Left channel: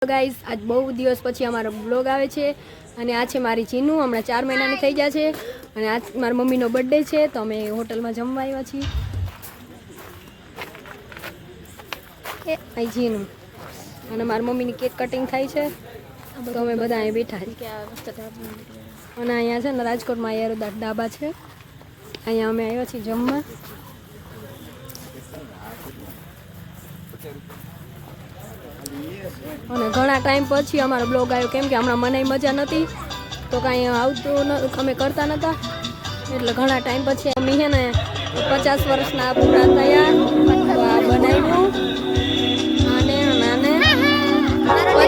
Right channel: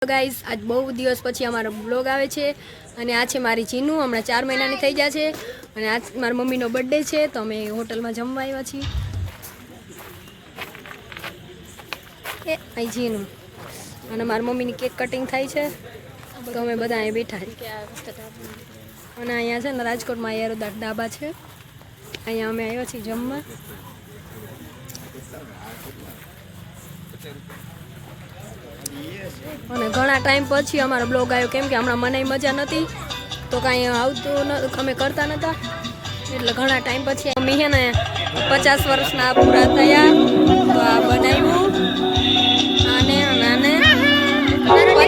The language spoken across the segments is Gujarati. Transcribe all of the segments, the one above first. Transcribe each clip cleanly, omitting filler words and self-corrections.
ગાઈસ આજ બહુ દિવસ પછી અમારો બ્લોગ આવે છે અને આ છે મારી ચીનુ હમણાં 4 મહિનાની થઈ ગયા છે અને આજ મારી મમ્મીનો બર્થડે છે તો અમે હોટલમાં જમવા આવ્યા છીએ એ અહીં ચીનુ અને મારી મમ્મીની કેક કટિંગ થાય છે તો અમે બધા અહીં બેઠા અને અહીંયા છે ને રાજકોટમાં યાર ડાબા છે અહીંયા અમે આવ્યા છીએ જમવા અને ઘણા ટાઈમ પછી અમારો બ્લોગ આવ્યો કેમ કે હમણાં મને મજા નહોતી તો કાંઈ આવતું અમે કરતા નહોતા એટલે ઘણા ટાઈમ પછી મમ્મી છે ને 50 વર્ષના પૂરા થયા તો આ બનાવ્યું આને નાને 50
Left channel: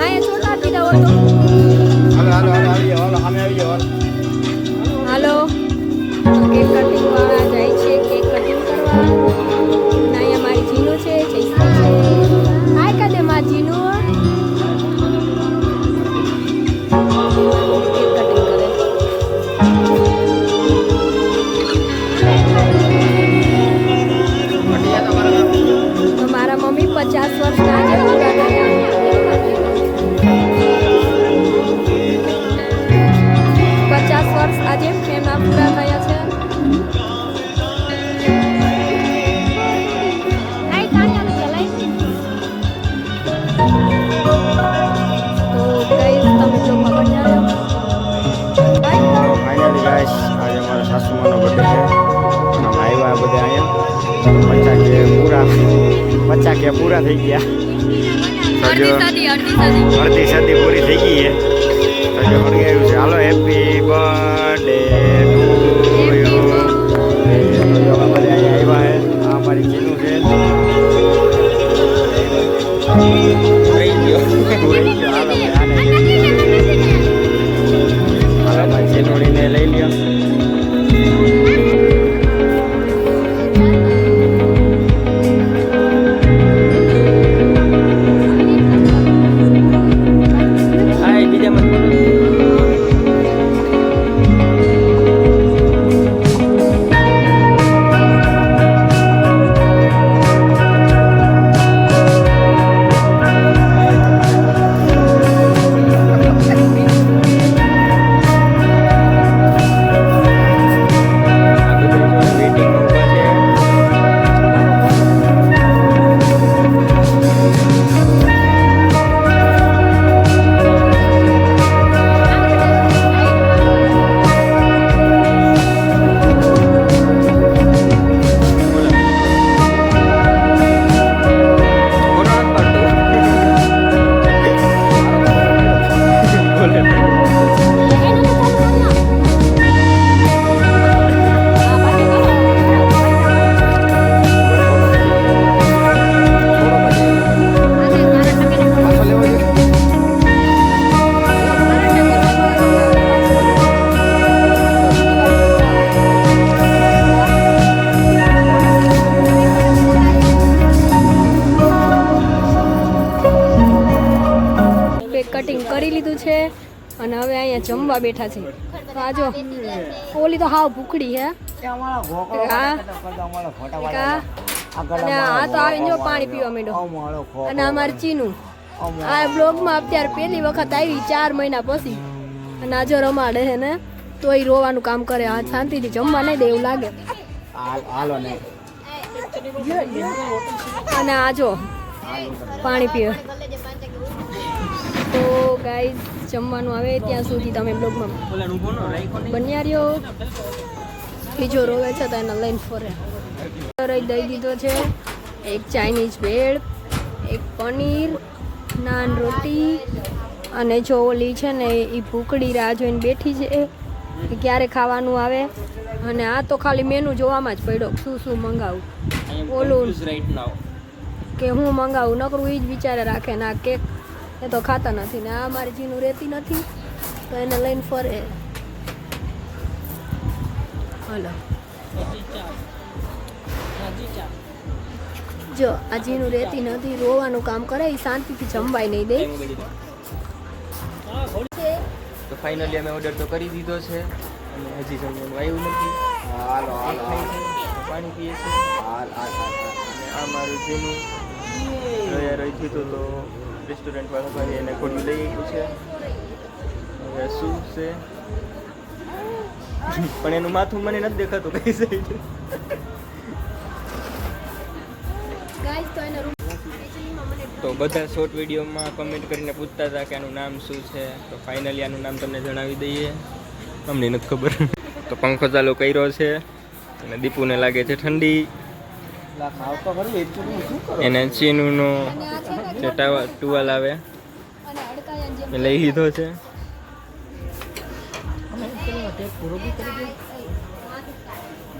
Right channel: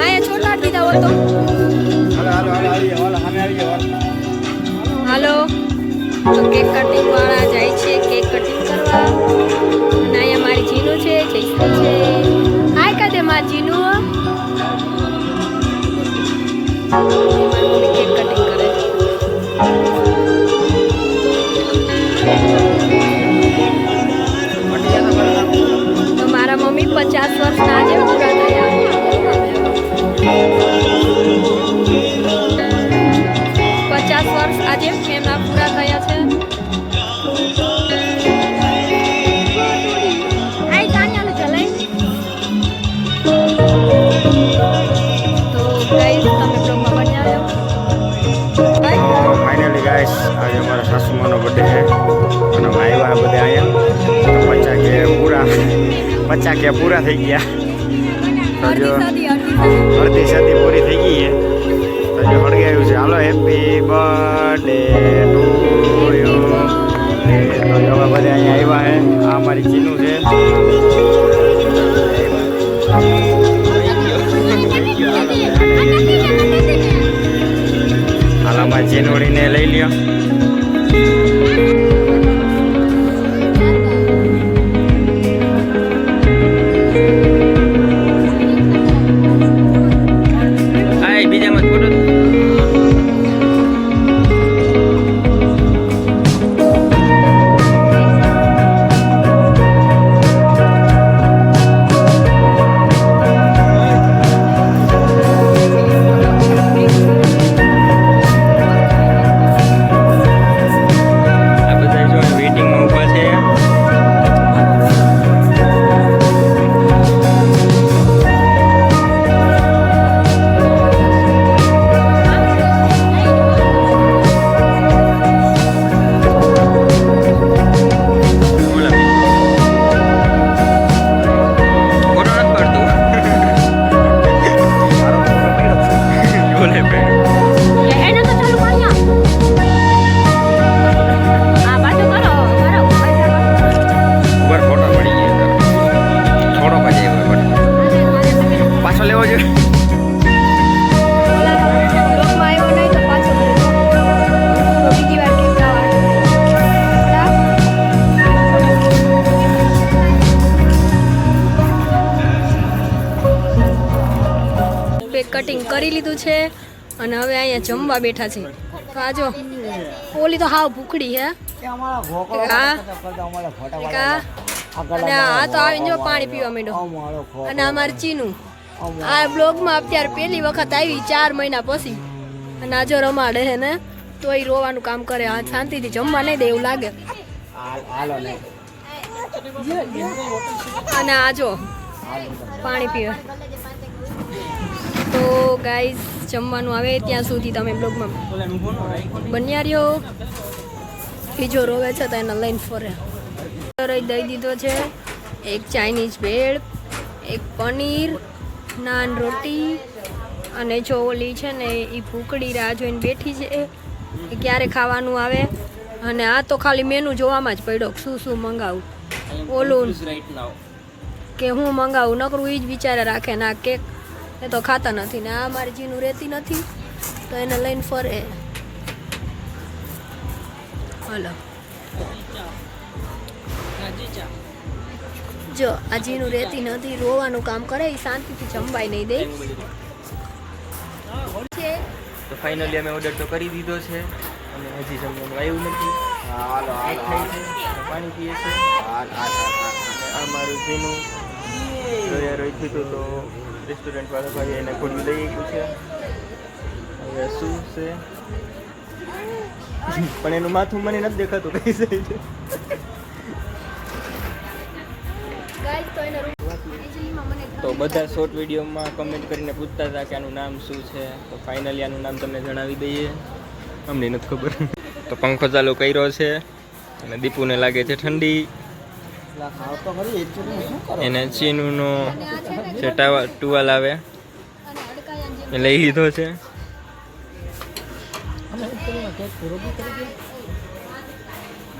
આયા છોટા દીધા હોત તો હાલો કેક કટિંગ વાળા જાય છે કેક કટિંગ કરવા અને અહીંયા મારી જીનુ છે જયશ્રી છે હાય કદે મારી જીનુ મારી મમ્મી કેક કટિંગ કરે તો મારા મમ્મી 50 વર્ષના આજે પૂરા થયા 50 વર્ષ આજે એમના પૂરા થયા છે ફાઇનલી ગાઈસ આજે અમારા સાસુમાનો બર્થડે છે અને અમે આવ્યા બધા અહીંયા તો 50 કે પૂરા થઈ ગયા તો જો અડધી સદી પૂરી થઈ ગઈ છે તો જો હળગાવ્યું છે હાલો હેપી બર્થડે ટુ યુ તો જો અમે બધા અહીંયા આવ્યા છે આ અમારી ચીનુ છે હાલ અમારી ચીનોડીને લઈ લ્યો કટિંગ કરી લીધું છે અને હવે અહીંયા જમવા બેઠા છે તો આ જો ઓલી તો હાવ ભૂખડી હે અને આ તો આવીને જો પાણી પીવા માંડ્યો અને અમારી ચીનુ આ બ્લોગમાં અત્યારે પહેલી વખત આવી 4 મહિના પછી અને આ જો રમાડે હે ને તો એ રોવાનું કામ કરે આ શાંતિથી જમવા નહીં દે એવું લાગે અને આ જો પાણી પીવે તો ગાઈઝ જમવાનું આવે ત્યાં સુધી તમે બ્લોગમાં બન્યા રહ્યો બીજો રોવે છે તો એને લઈને ફરે દઈ દીધો છે એક ચાઇનીઝ ભેળ એક પનીર નાન રોટી અને જો ઓલી છે ને એ ભૂખડી રાહ જોઈને બેઠી છે એ ક્યારે ખાવાનું આવે અને આ તો ખાલી મેનુ જોવામાં જ પડ્યો શું મંગાવું ઓલું કે હું મંગાવું નકરું એ જ વિચારે રાખે ને આ કેક એ તો ખાતા નથી ને આ મારી ચીનુ રહેતી નથી તો એને લઈને ફરે હલો જો આ ચીનુ રહેતી નથી રોવાનું કામ કરે એ શાંતિથી જમવાય નહીં દે તો ફાઇનલી અમે ઓર્ડર તો કરી દીધો છે અને હજી જમવાનું આવ્યું નથી પાણી પીએ છે આ મારું જેનું તૈયાર હોય છે તો રેસ્ટોરન્ટ વાળો ભાઈ એને ખોલી લઈ આવ્યું છે. હવે શું છે પણ એનું માથું મને નથી દેખાતું કઈ સાઈડ. તો બધા શોર્ટ વિડીયોમાં કમેન્ટ કરીને પૂછતા હતા કે આનું નામ શું છે, તો ફાઇનલી આનું નામ તમને જણાવી દઈએ. અમને નથી ખબર. તો પંખો ચાલુ કર્યો છે અને દીપુને લાગે છે ઠંડી. એને ચીનુનો જે ટુવાલ આવે એ લઈ લીધો છે.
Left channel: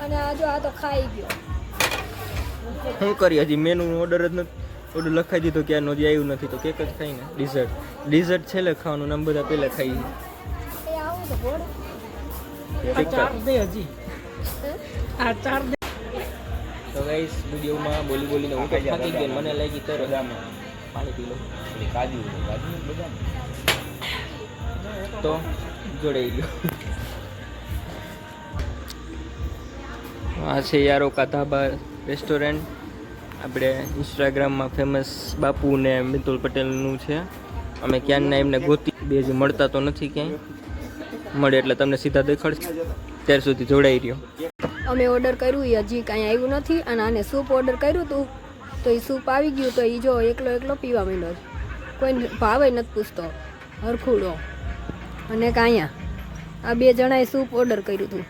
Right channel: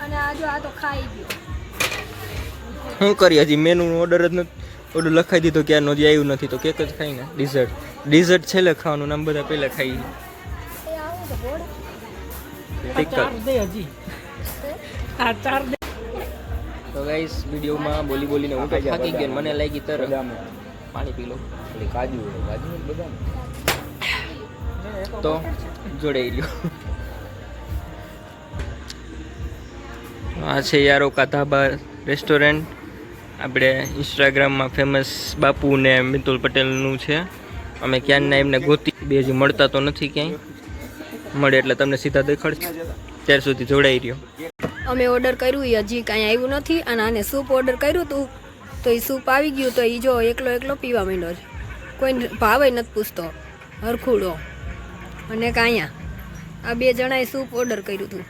અને આ જો આ તો ખાઈ ગયો. શું કરીએ હજી મેનુ ઓર્ડર જ નથી, ઓર્ડર લખાઈ દીધો ક્યારનો હજી આવ્યું નથી. તો કેક જ ખાઈ ને ડિઝર્ટ છેલ્લે ખાવાનું, નામ બધા પહેલાં ખાઈ. એ આવું તો બોડ તો ગાઈસ વિડીયોમાં બોલીને હું તો થાકી ગયો. મને લાગી તર પાણી પી લો. તો જોડાઈ રહ્યો. આ છે યારોકા ધાબા રેસ્ટોરન્ટ. આપણે ઇન્સ્ટાગ્રામમાં ફેમસ બાપુ ને મિતુલ પટેલનું છે. અમે ક્યાંના એમને ગોતી બે હજી મળતા તો નથી ક્યાંય. મળે એટલે તમને સીધા દેખાડશે. ત્યાર સુધી જોડાઈ રહ્યો. અમે ઓર્ડર કર્યું એ હજી કાંઈ આવ્યું નથી. અને આને સૂપ ઓર્ડર કર્યું હતું તો એ સૂપ આવી ગયું. તો એ જો એકલો પીવા માંડ્યો છે. કોઈ ભાવે નથી પૂછતો હરખુડો. અને કાંયા આ બે જણાએ સૂપ ઓર્ડર કર્યું હતું.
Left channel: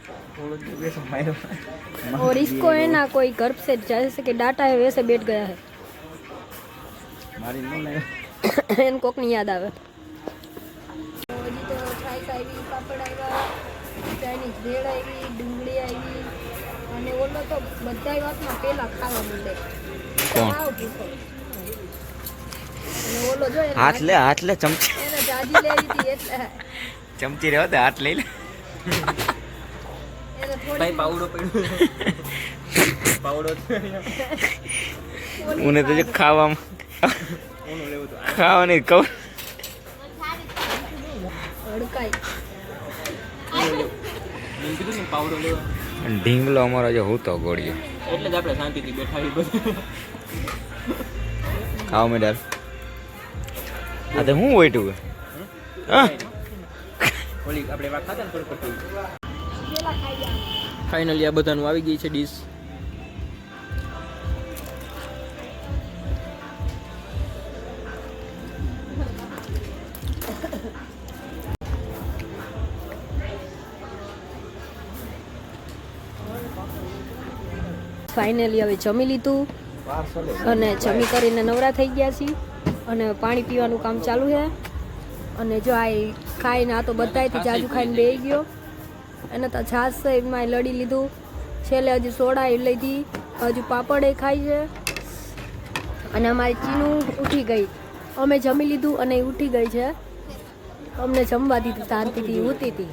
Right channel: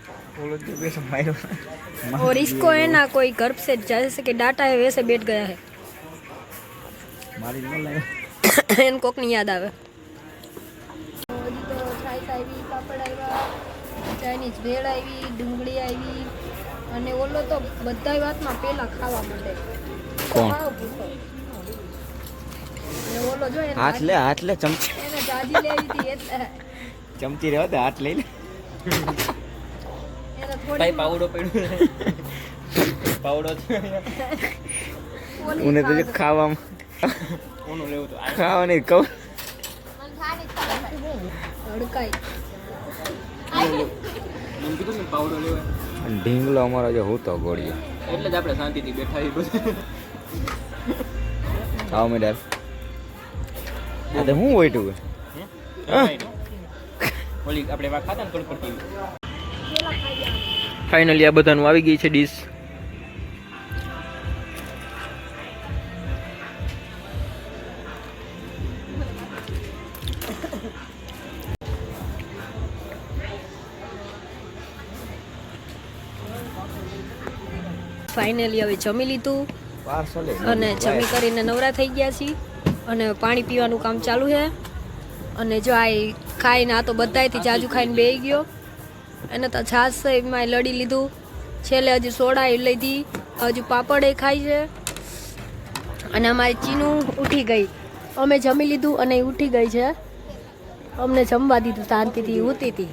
और इसको है ना कोई घर से जैसे कि डाटा है वैसे बैठ गया है. एन कोक नहीं याद आवे. ચાઇનીઝ ભેળ આવી, ડુંગળી આવી અને ઓલો તો બધાય વાતમાં પેલા ખાવા માંડે. કોણ? ઓલો જો હાથ લે ચમચી. એને જાજી લેવી હતી એટલે ચમચી રહેવા દે, હાથ લઈ લે. એને ભાઈ થોડી પાવડો પડ્યો. પાવડો ઉને તો જો ખાવામાં ખાવાની કહું હડકાઈ. મને કીધું ને પાવડો લેવા. ઢીંગલો અમારો જો હું તો ગોળીએ એટલે જ આપણે શાંતિથી બેઠા આવી બધું. ખાવા મેડાર. આ તો હું વઈટું હા ઓલી આપણે એમાં ખાતા ને કડકડતી. પેલા ખાઈ ગયા. ફાઇનલી આ બધાનું આવી ગઈ છે ડીશ. ફાઇનલી હવે જમી લીધું અને જમી કરીને નવરા થઈ ગયા છીએ. અને પાણી પીવાનું કામ ચાલુ છે. અને જો આ ખાઈને આ તો બધાયથી જાજુ ખાઈને બેસી ગયો. એને તો છાશ છે એમાં લડી લીધું. છેલ્લે હજુ સોડા એ લીધી, હજુ પાપડ એ ખાય છે. અને અમારી ચીનું ઉઠી ગઈ. અમે જમી લીધું અને એ ઉઠી ગઈ છે. અમને જમવા દીધું શાંતિથી, ઊતી હતી.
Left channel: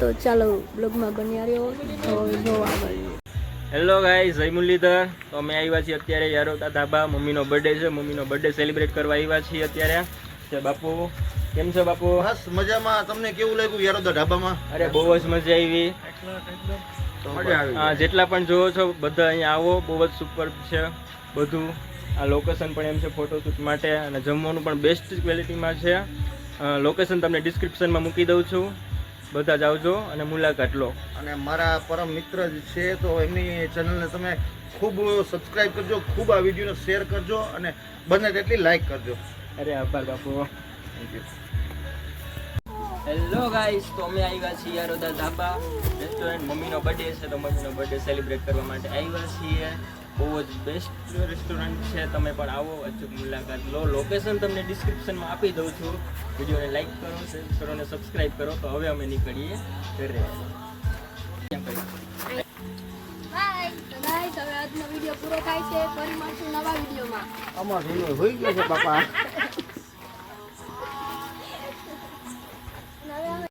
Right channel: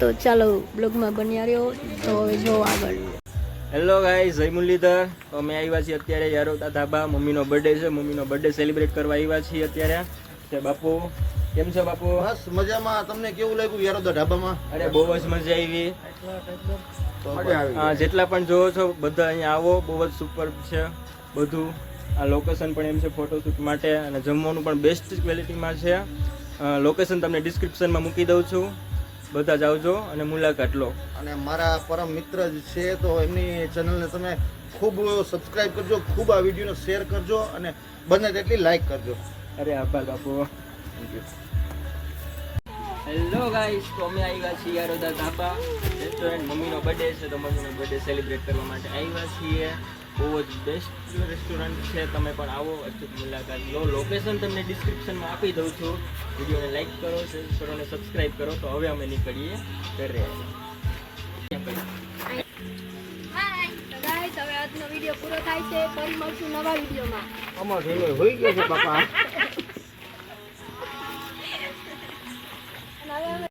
તો ચાલો બ્લોગમાં બન્યા રહ્યો. તો હવે જો આગળ. હેલો ગાઈસ, જય મુરલીધર. તો અમે આવ્યા છીએ અત્યારે યારોકા ધાબા. મમ્મીનો બર્થડે છે. મમ્મીનો બર્થડે સેલિબ્રેટ કરવા આવ્યા છીએ અત્યારે. છે બાપુ, કેમ છો બાપુ? બસ મજામાં. તમને કેવું લાગ્યું યારોકા ધાબામાં? અરે બહુ જ મજા આવી. હા, જેટલા પણ જોવો છો બધા અહીંયા આવો. બહુ જ સુપર છે બધું. આ લોકેશન પણ એમ છે ફોટોશૂટ માટે. અને જમવાનું પણ બેસ્ટ ક્વોલિટીમાં છે. લોકેશન તમને ડિસ્ક્રિપ્શનમાં મૂકી દઉં છું. બધા જ આવજો અને મુલાકાત લો. અને મારા પરમ મિત્ર જ છે તો એમની ચેનલને તમે ખૂબ સબસ્ક્રાઇબ કરજો, ખૂબ આ વિડીયોને શેર કરજો અને બને તેટલી લાઈક કરજો. અરે આભાર બાપુ. હેલો ગાઈસ, તો અમે આવ્યા છીએ યારોકા ધાબા રેસ્ટોરન્ટ. મમ્મીનો બર્થડે છે તો મમ્મીનો બર્થડે સેલિબ્રેટ કરવા માટે આવ્યા છીએ. બહુ જ બેસ્ટ રેસ્ટોરન્ટ છે. તમે પણ આવો, અચૂક મુલાકાત લો. લોકેશન તમને ડિસ્ક્રિપ્શનમાં આપી દઉં છું. વિડીયોને લાઈક કરો, શેર કરો અને સબસ્ક્રાઈબ કરો. તો હવે અમે નીકળીએ ઘરે. હાય તો ગાઈસ, હવે આજનો વિડીયો પૂરો થાય છે. ફરી મળશું નવા વિડીયોમાં. આમાં હોઈ ગયો છે બાપા.